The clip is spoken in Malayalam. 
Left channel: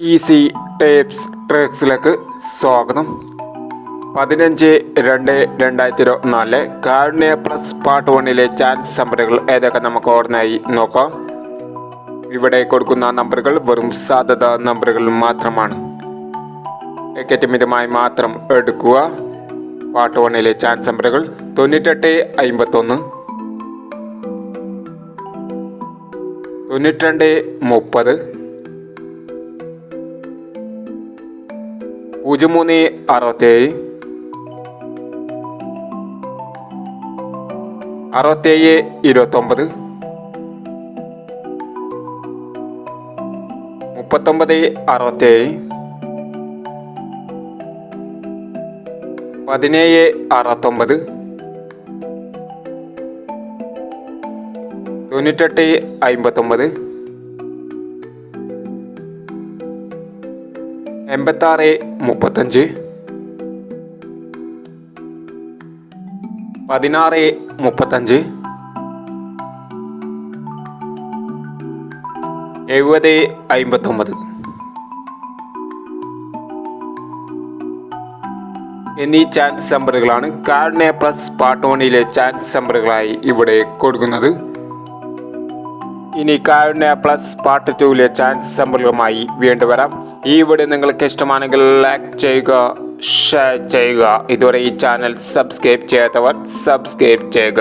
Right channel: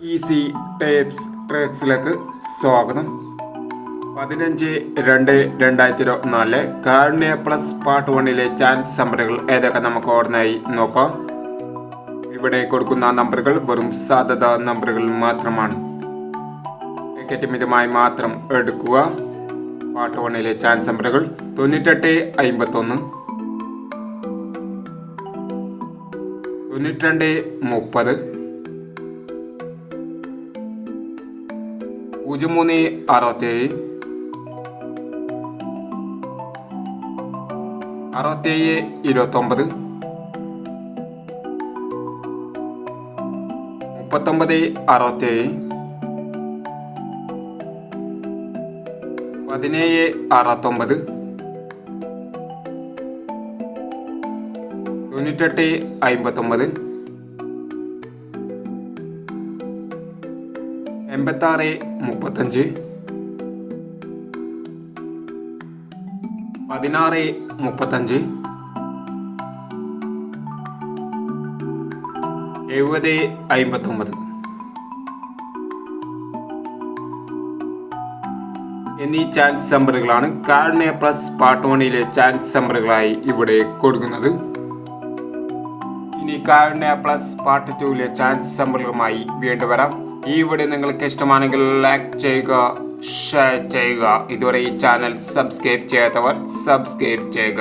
ഈസി ടേപ്സ് ട്രിക്സിലേക്ക് സ്വാഗതം. 15/2/2024 കാരുണ്യ പ്ലസ് പാർട്ട് 1-ലെ ചാൻസ് നമ്പറുകൾ ഏതൊക്കെ നമുക്ക് ഓർമ്മയായി നോക്കാം. ഇവിടെ കൊടുക്കുന്ന നമ്പറുകൾ വെറും സാധ്യത നമ്പറുകൾ മാത്രമാണ്. ടിക്കറ്റ് മിതമായി മാത്രം എടുക്കുക. പാർട്ട് 1-ലെ ചാൻസ് നമ്പറുകൾ 98, 51, 92, 30, 03, 67, 67, 29, 39, 67, 17, 69, 98, 59, 86, 35, 16, 35, 70, 59 എന്നീ ചാൻസ് നമ്പറുകളാണ് കാരുണ്യ പ്ലസ് പാർട്ട് 1-ലെ ചാൻസ് നമ്പറുകളായി ഇവിടെ കൊടുക്കുന്നത്. ഇനി കാരുണ്യ പ്ലസ് പാർട്ട് 2-ലെ ചാൻസ് നമ്പറുകളുമായി വീണ്ടും വരാം. ഈ വീഡിയോ നിങ്ങൾക്ക് ഇഷ്ടമാണെങ്കിൽ ലൈക്ക് ചെയ്യുക, ഷെയർ ചെയ്യുക. ഇതുവരെ ഈ ചാനൽ സബ്സ്ക്രൈബ് ചെയ്യാത്തവർ സബ്സ്ക്രൈബ് ചെയ്യുക.